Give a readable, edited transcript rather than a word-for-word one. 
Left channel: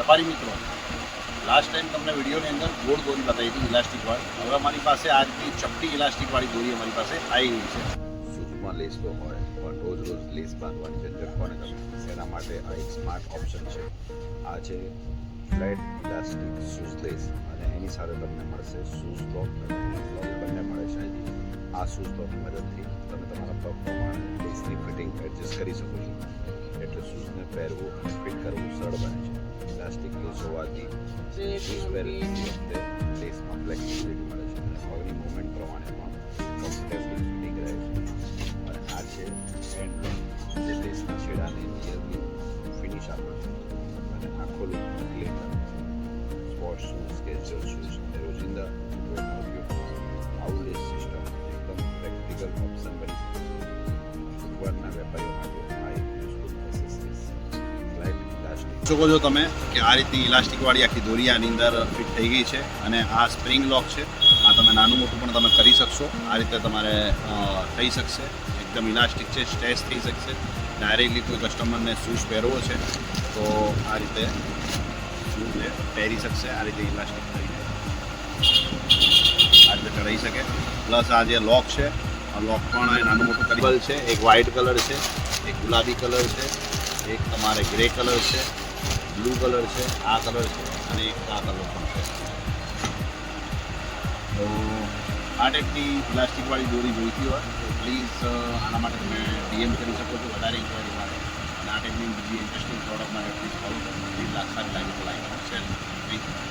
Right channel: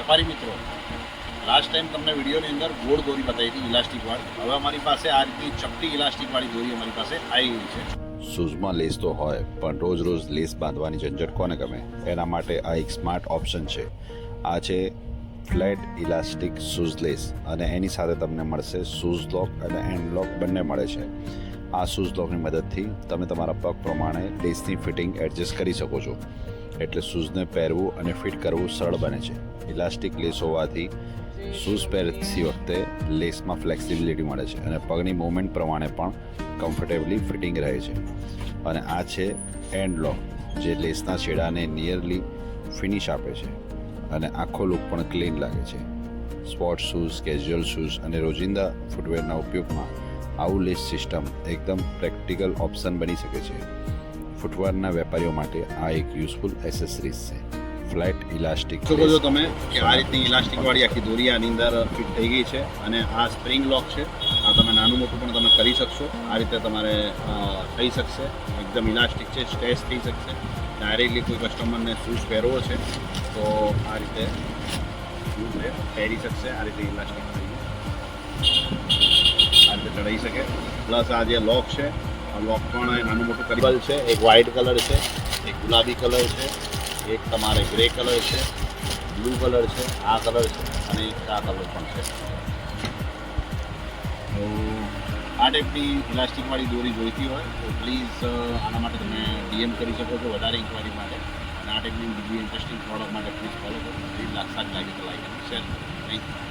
વેપારી મિત્રો, last time તમને વિડીયોની અંદર ગોળ દોરી બતાવી હતી ઇલાસ્ટિકવાળી. હવે અમારી પાસે આ રીતની ચપટી ઇલાસ્ટિકવાળી દોરી અમારી પાસે આવી ગઈ છે. શૂઝમાં લેસ તો હોય, પણ રોજ રોજ લેસ બાંધવાની ઝંઝટ કોને ગમે? એના માટે આ એક સ્માર્ટ ઓપ્શન છે. આ છે ફ્લેટ ઇલાસ્ટિક શૂઝ લેસ, અને એની સાથે તમને મળશે શૂઝ લોક અને હેન્ડ લોક બંને મળે છે. આ શૂઝ લોકની મદદથી તમે તમારા પગ પ્રમાણે લેસની ફિટિંગ એડજસ્ટ કરી શકો છો, એટલે શૂઝને પહેરવું અને ફિટ કરવું સરળ બને છે. ઇલાસ્ટિક લેસ હોવાથી શૂઝ પહેરતી વખતે લેસમાં ફ્લેક્સિબિલિટી મળે છે અને પગની મૂવમેન્ટ પ્રમાણે પણ કમ્ફર્ટેબલી ફિટિંગ રહે છે. અને આ છે હેન્ડ લોક, જે લેસના છેડાને નિયરલી ફિનિશ આપે છે અને આખો લુક પણ ક્લીન લાગે છે. સ્પોર્ટ શૂઝ, કેઝ્યુઅલ શૂઝ અને રોજિંદા ફૂટવેરના ઉપયોગમાં આવું લેસ સિસ્ટમ એકદમ પ્રેક્ટિકલ ઓપ્શન બની શકે છે. ફૂટવેરના વેપારીઓ માટે આ એક યુઝફુલ એસેસરીઝ છે. ફ્લેટ ઇલાસ્ટિક જોવો છો તમે કે આ રીતની ઇલાસ્ટિકવાળી આખી દોરી આની અંદર ફિટ થઈ ગઈ છે, અને આ સ્પ્રિંગ લોક છે. આ તમે નાનું મોટું પણ તમે કરી શકશો. આ રીતે તમારે થઈ શકશે. એકદમ ઇલાસ્ટિક છે, સ્ટ્રેચ થઈ શકશે. ડાયરેક્ટલી કોઈ કસ્ટમરને શૂઝ પહેરવો છે તો આ રીતે શૂઝ પહેરી શકશે. આ રીતે ઇલાસ્ટિક આ રીતે ચડાવી શકે. પ્લસ આ જે લોક છે, આ લોક પણ નાનું મોટું કરેલ છે. એક વ્હાઇટ કલર છે, એક ગુલાબી કલર છે, એક તમારે ગ્રે કલર છે, બ્લુ કલર છે, આ કલર છે અને એક આ કલર પણ છે. તો આ ટાઈપની ઇલાસ્ટિકવાળી દોરી જોઈતી હોય તો પ્લીઝ આના માટે તમે DM કરી શકો છો વધારે ઇન્ક્વાયરી માટે. અને આ ટાઈપની બીજી ઇન્ટરેસ્ટિંગ પ્રોડક્ટ માટે પ્લીઝ ફોલો કરો. લાગી તો લાઈક શેર. Thank you.